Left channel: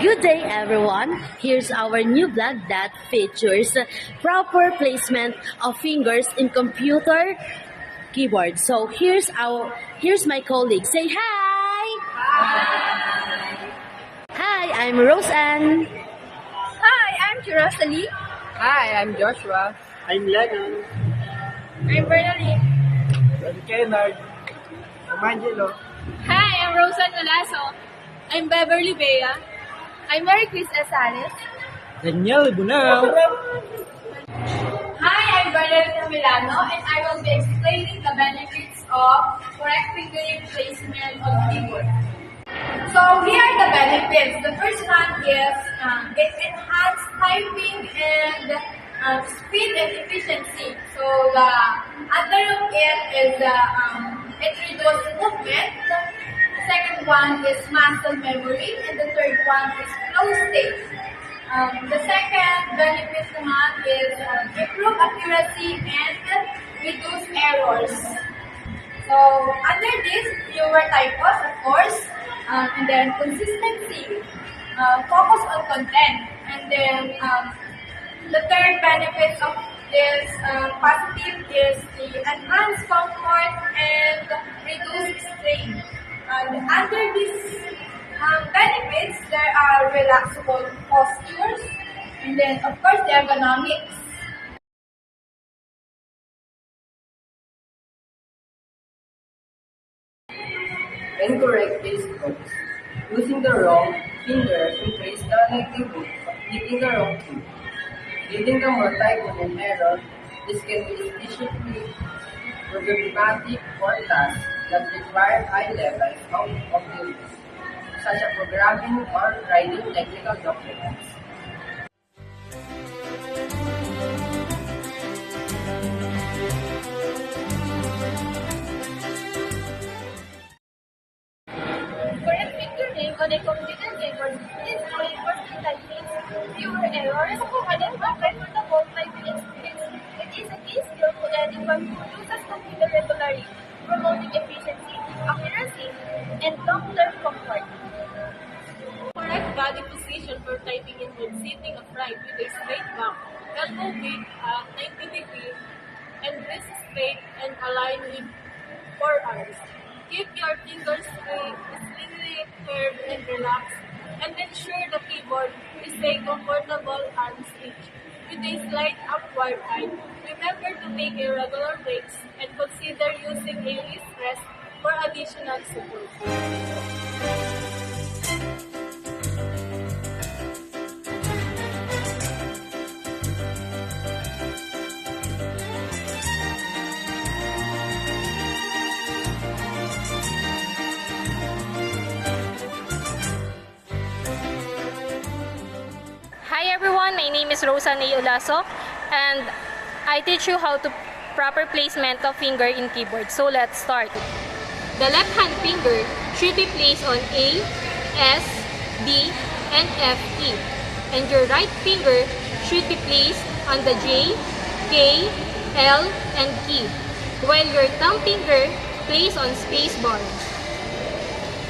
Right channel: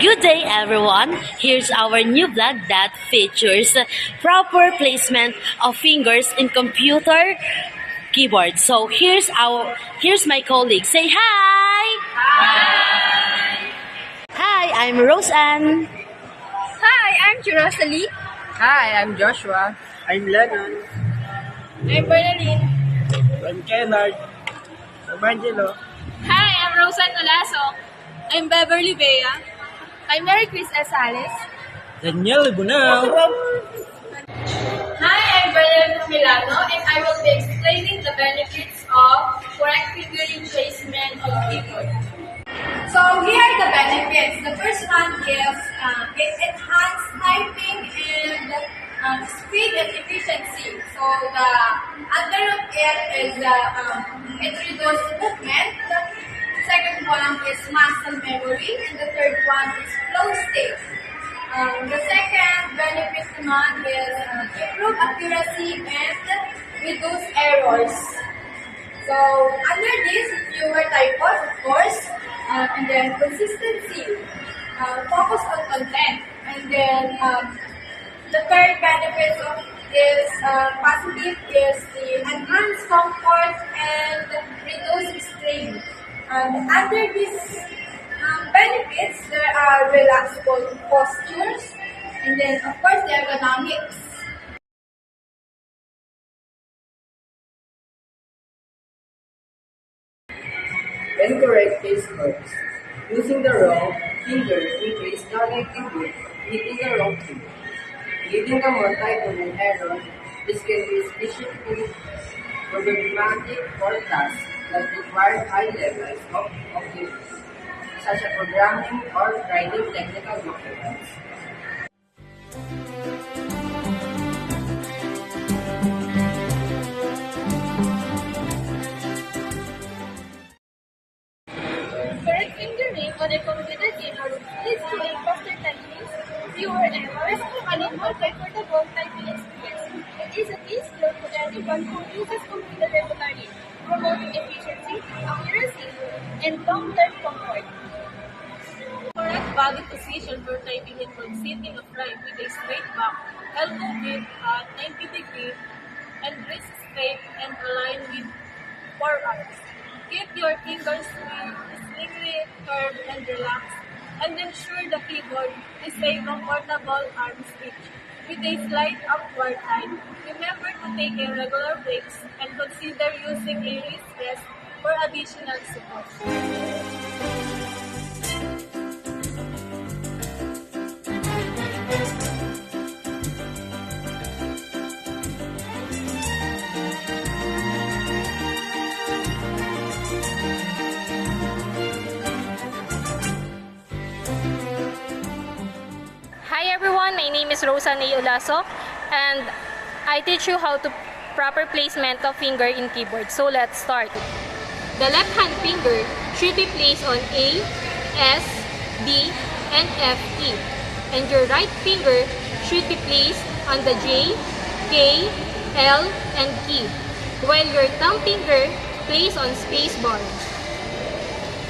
Good day everyone! Here's our new vlog that features proper placement of fingers in computer keyboard. So here's my colleague. Say hi! Hi! Hi, I'm Roseanne. Hi, I'm Rosalie. Hi, I'm Joshua. I'm Lennon. I'm Bernalyn. I'm Kennard. I'm Angelo. Hi, I'm Rosan Nolaso. I'm Beverly Bea. I'm Mary Chris Asales. Daniel Ibunao. Hi, I'm Bernalyn Milano, and I will be explaining the benefits of correct fingering placement of keyboard. So here are the benefits. The first one is it enhances typing and speed and efficiency. So the other of it is it reduces movement. The second one is muscle memory, and the third one is flow state. The second benefit naman is improve accuracy and reduce errors. So under this, fewer typos, of course, and then consistency, focus on content, and then the third benefit of this positive is the enhanced comfort and reduce strain. And under these benefits, there are relaxable postures, and then of course the ergonomics. Incorrect placements. Using the wrong finger increase the likelihood of hitting the wrong key. Leading the more typo and error, this can be especially problematic for tasks that require high levels of cognition, such as programming or writing technical documents. Correct fingering on a computer keyboard leads to a faster typing, fewer errors, and a more comfortable typing experience. It is an easier to anyone who uses computer regularly, promoting efficiency, accuracy, and long-term comfort. Correct body position for typing involves sitting upright with a straight back, elbow width at 90 degrees, and wrist straight and aligned with forearms. Keep your fingers slightly curved and relaxed, and ensure the keyboard is a comfortable arm's reach. With a slight upward height, remember to take a regular breaks and consider using a wrist rest for additional support. Hi everyone, my name is Rosan Olaso and I teach you how to proper placement of finger in keyboard. So let's start. The left hand finger should be placed on A, S, D, and F key. And your right finger should be placed on the J, K, L, and key. While your thumb finger placed on space bar.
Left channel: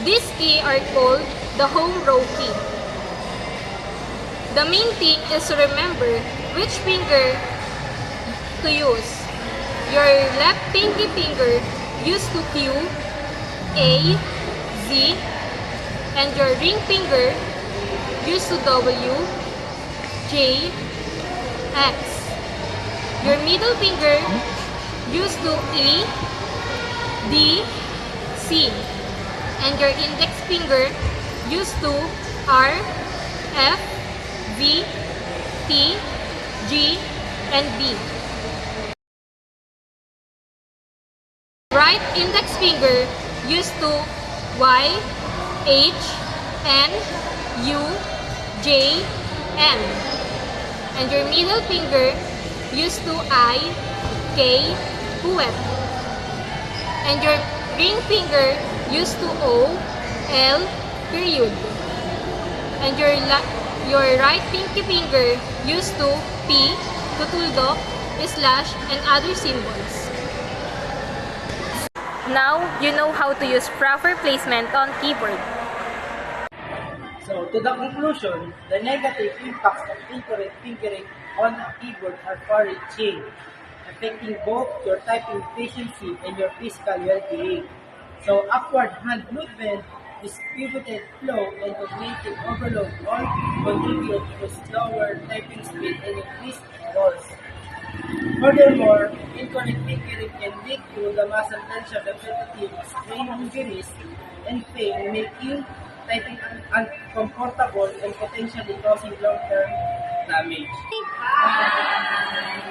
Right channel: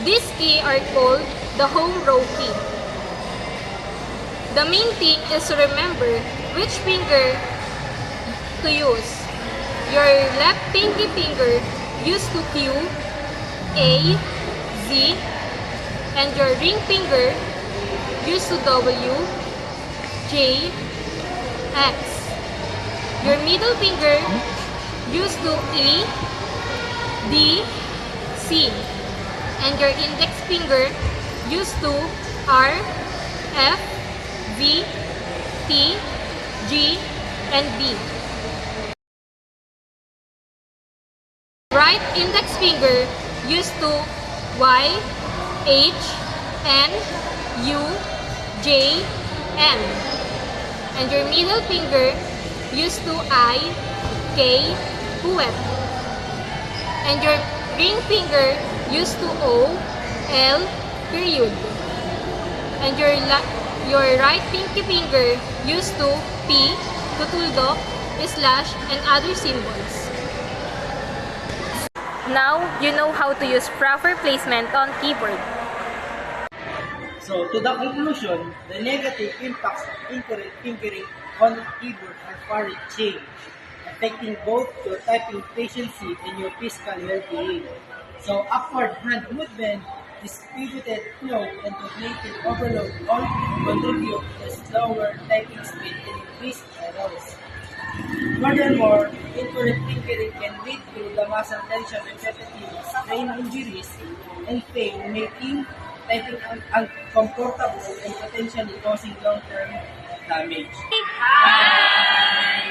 These keys are called the home row key. The main thing is to remember which finger to use. Your left pinky finger used to Q, A, Z, and your ring finger used to W, J, X. Your middle finger used to E, D, C, and your index finger used to R, F, V, T, G, and B. Right index finger used to Y, H, N, U, J, M. And your middle finger used to I, K, F. And your ring finger used to O, L, period. And your right pinky finger used to P, tutuldok, slash, and other symbols. Now, you know how to use proper placement on keyboard. So, to the conclusion, the negative impacts of incorrect fingering on a keyboard are far-reaching, affecting both your typing efficiency and your physical well-being. So, upward hand movement, distributed flow, and cognitive overload all contribute to slower typing speed and increased errors. Furthermore, incorrect fingering can lead to the muscle tension, repetitive strain injuries, and pain, making typing uncomfortable and potentially causing long-term damage. Bye!